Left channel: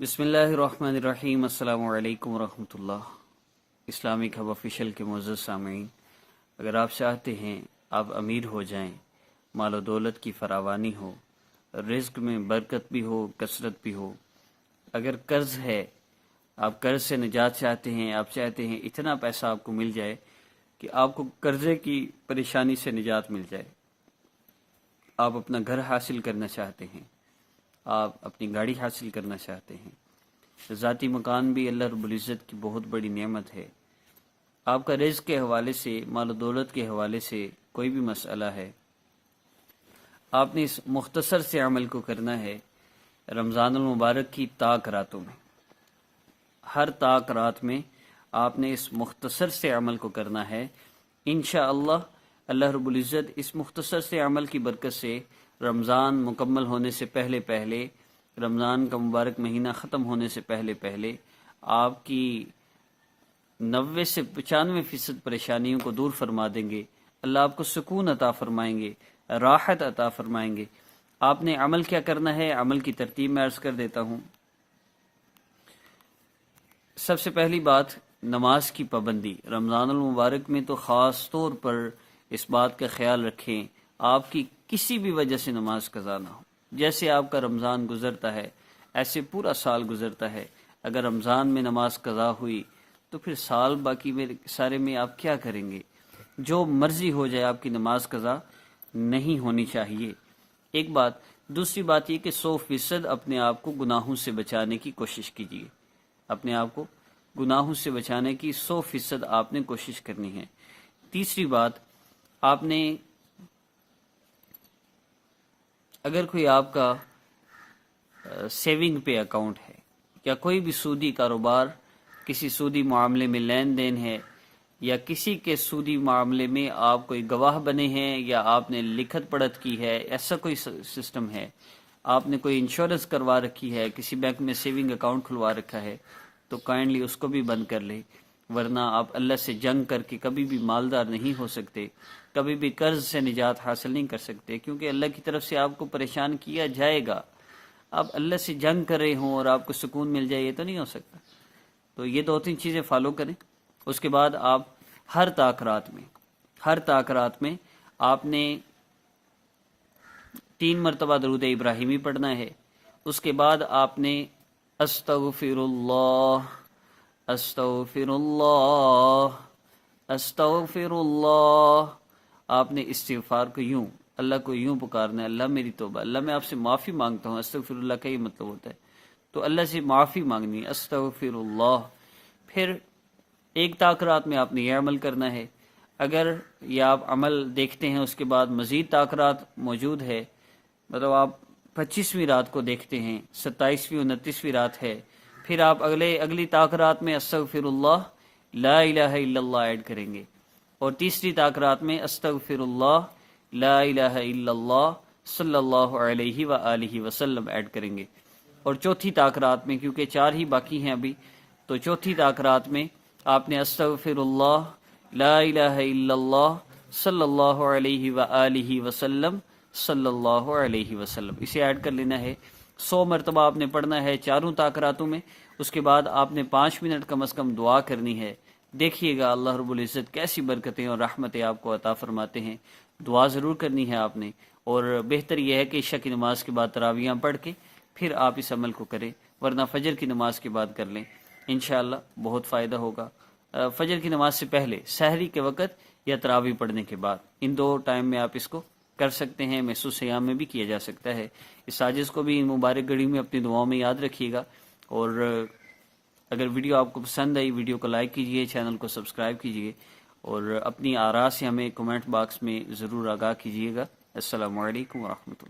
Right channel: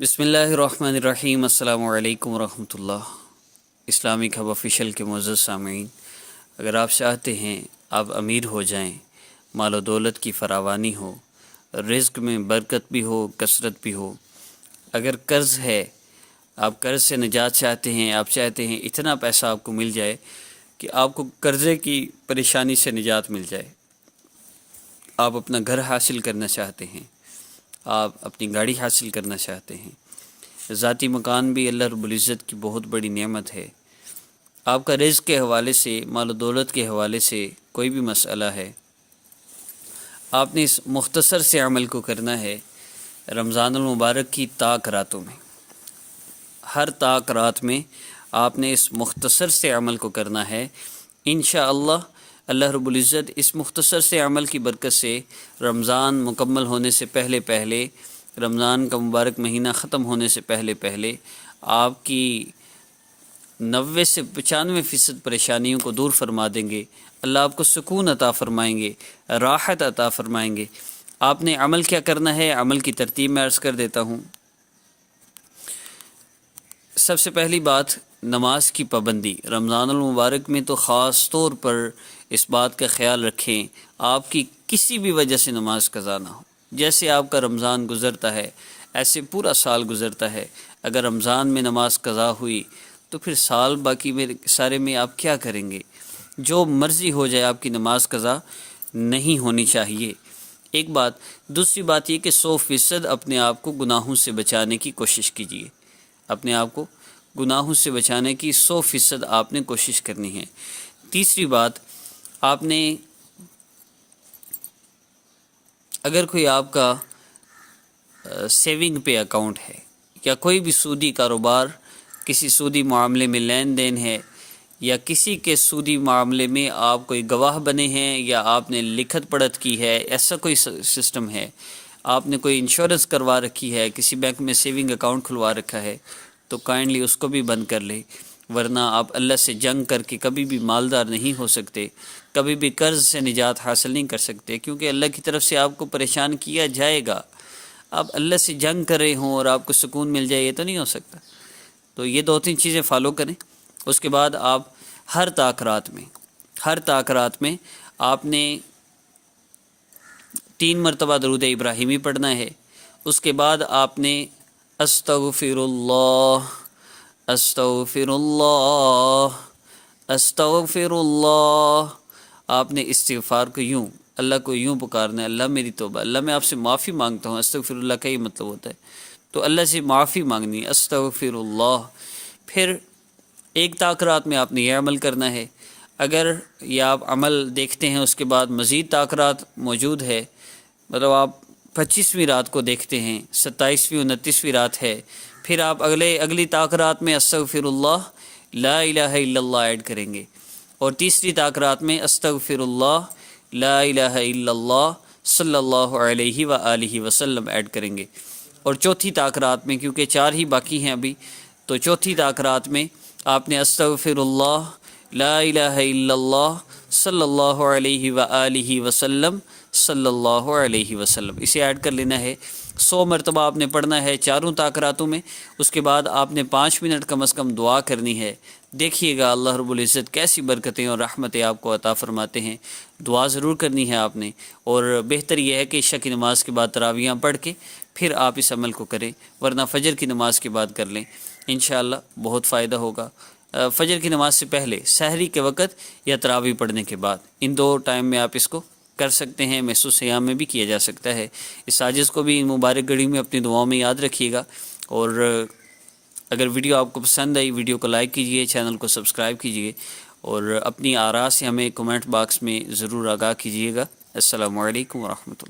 بسم اللہ الرحمن الرحیم۔ السلام علیکم ورحمۃ اللہ۔ اسلامک ہب آفیشیل کے معزز سامعین، اگر آپ چاہتے ہیں آپ امیر ہو جائیں، مال و دولت کی فراوانی ہو، رزق میں برکت بھی ہو، کثرت بھی ہو، اگر قرض ہے، آپ قرض سے نجات چاہتے ہیں، آپ چاہتے ہیں اتنا پیسہ آپ کو مل جائے کہ آپ کو قرضے کی پریشانی سے نجات مل جائے، آپ اپنا گھر حاصل کرنا چاہتے ہیں، آپ اپنی گاڑی حاصل کرنا چاہتے ہیں، ذاتی مکان بھی اللہ رب العزت کی بہت بڑی نعمت ہے، آپ کا رزق کے حوالے سے، مال و دولت کے حوالے سے کوئی بھی مسئلہ ہے، آپ نے اس مختصر سے عمل کو کرنا ہے رمضان المبارک کی طاق راتوں میں۔ ہر طاق رات میں آپ نے اس مختصر سے عمل کو کرنا ہے۔ انشاءاللہ اللہ رب العزت اس مختصر سے عمل کی برکت سے رمضان مکمل ہونے سے پہلے رمضان کا مبارک مہینہ ختم ہونے سے پہلے آپ کی 90 سے 95% پریشانیوں کو دور فرما دیں گے۔ اللہ آپ کو سکون عطا فرمائیں گے، راحت عطا فرمائیں گے۔ آپ نے عمل کیا کرنا ہے، عمل کی ترتیب میں عرض کر دیتا ہوں۔ سب سے پہلی بات، نماز کی پابندی۔ رمضان المبارک میں تو خاص طور پر اس بات کا خیال رکھیں آپ کی کسی بھی وجہ سے نماز قضا نہ ہو۔ جیسے آپ کا رمضان گزرتا ہے ایسے پورا سال گزرتا ہے، اگر رمضان میں نماز قضا ہوئی تو پھر سال باقی میں سارے میں آپ کیا کریں گے؟ جو مرضی ہو جائے آپ کی نماز قضا نہیں ہونی چاہیے، ایک بات۔ دوسری بات یہ کہ 100% اپنے آپ کو گناہوں سے بچانے کی کوشش کیجیے، اپنے آپ کو گناہوں سے بچانے کی 100% آپ نے کوشش کرنی ہے۔ تیسری بات، آپ نے اگر کوئی آپ کا سیونگ پہ اکاؤنٹ ہے یا کوئی بھی سودی کاروبار، کسی سودی معاملے میں لین دین ہے، یا کسی کے سودی معاملے میں آپ کوئی گواہ بنے ہیں یا آپ نے لکھت پڑھت کی ہے، ایسا کوئی سسٹم ہے، آپ نے کوئی انشورنس کروا رکھی ہے، کسی بینک میں سیونگ اکاؤنٹ کھلوا رکھا ہے، تو کائنڈلی اس کو بھی بند کر لیں، ورنہ آپ اللہ سے جنگ کر کے کبھی بھی مالدار نہیں ہو سکتے، کبھی بھی قرض سے نجات حاصل نہیں کر سکتے، کیونکہ اللہ کی طرف سے آپ کو پریشان کیا جائے گا۔ آپ اللہ سے جنگ کر رہے ہوں اور آپ کو سکون مل جائے، یہ تو نہیں ہو سکتا۔ تو یہ 2-3 چیزیں فالو کریں۔ اس کے بعد آپ ہر طاق رات میں آپ نے 3 مرتبہ درود ابراہیمی پڑھنا ہے۔ اس کے بعد آپ نے استغفر اللہ، استغفر اللہ، استغفر اللہ، آپ نے استغفار کو اللہ کو یوں پکارنا ہے، اللہ میری توبہ، اللہ میں آپ سے معافی مانگتا ہوں۔ استغفر اللہ کا یہ مطلب ہوتا ہے، تو اللہ سے معافی مانگنی، استغفر اللہ۔ پھر ایک طاق رات میں آپ نے یہ عمل کرنا ہے۔ اگر یہ آپ عمل دیکھتے ہیں اس کے بعد مزید طاق رات موجود ہے، مطلب آپ 25ویں رات کو دیکھتے ہیں، 27ویں 29ویں رات ہے، پھر آپ اگلی طاق رات میں استغفر اللہ، لا الہ الا اللہ ایڈ کریں گے، اور تیسری طاق رات میں استغفر اللہ، لا الہ الا اللہ، صلی اللہ علیہ وآلہ وسلم ایڈ کریں گے، اور چوتھی طاق رات میں، کیونکہ 4 ہی باقی ہیں ابھی، تو چوتھی طاق رات میں آپ نے استغفر اللہ، لا الہ الا اللہ، صلی اللہ علیہ وآلہ وسلم، صلی اللہ علیہ وسلم، اسے ایڈ کر لینا ہے۔ 100 مرتبہ آپ نے پڑھنا ہے 4 طاق راتوں میں۔ اس کے بعد آپ نے 5 منٹ کم از کم دعا کرنی ہے۔ دیکھیے گا اللہ رب العزت کیسی برکتیں اور رحمتیں آپ کو عطا فرماتے ہیں۔ دعا ضرور کرنی ہے آپ نے، اور بہتر یہ ہے کہ عشاء کی نماز کے بعد تراویحاں پڑھ کے پھر آپ اس عمل کو کریں، ورنہ فجر کی نماز کے بعد کر لیں، انشاءاللہ بہت فائدہ ہوگا۔ فجر کی نماز سے پہلے، سحری کے وقت، یا تراویح پڑھنے کے بعد، ان 2 ٹائم میں آپ اس کو کر سکتے ہیں۔ محسوس صیام میں بھی کیا جا سکتا ہے۔ اس سازش کو بھی ان مبارک گھڑی میں اپنی دعاؤں میں یاد رکھیے گا، اور اگر ویڈیو آپ کو پسند آئی، ویڈیو کو لائک کیجئے، چینل کو سبسکرائب کیجئے، اور اپنی آراء سے ہمیں کمنٹ باکس میں ضرور آگاہ کیجئے گا۔ السلام علیکم ورحمۃ اللہ۔